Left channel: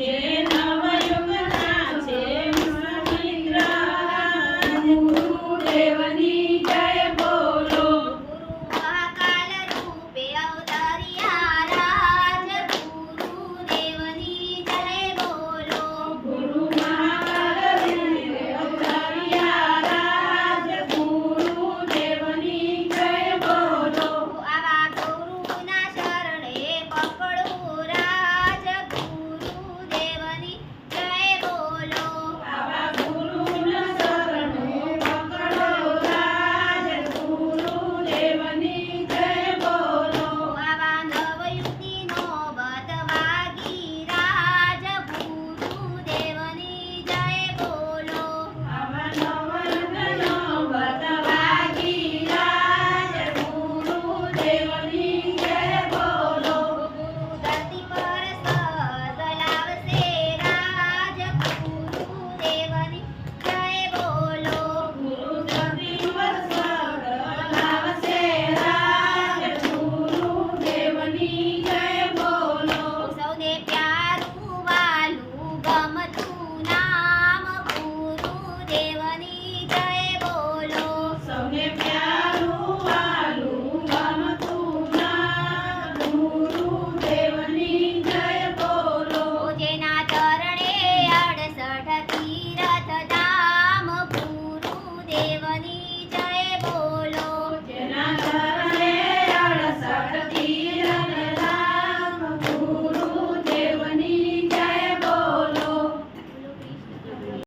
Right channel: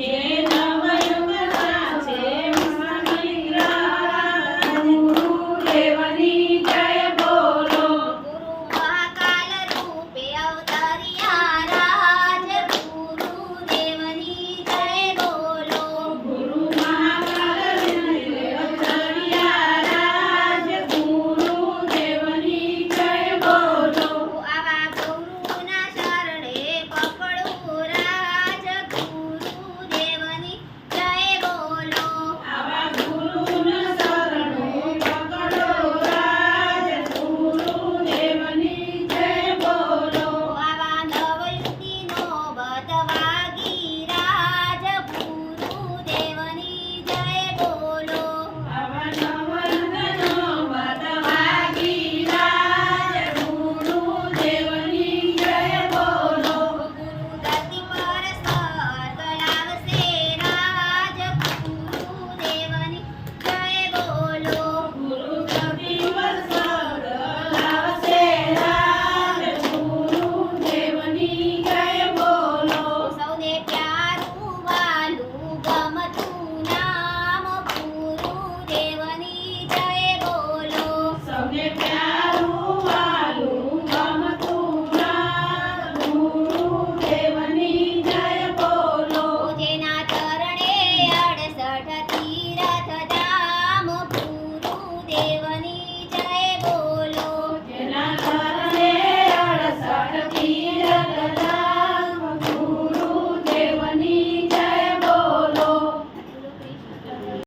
Tiene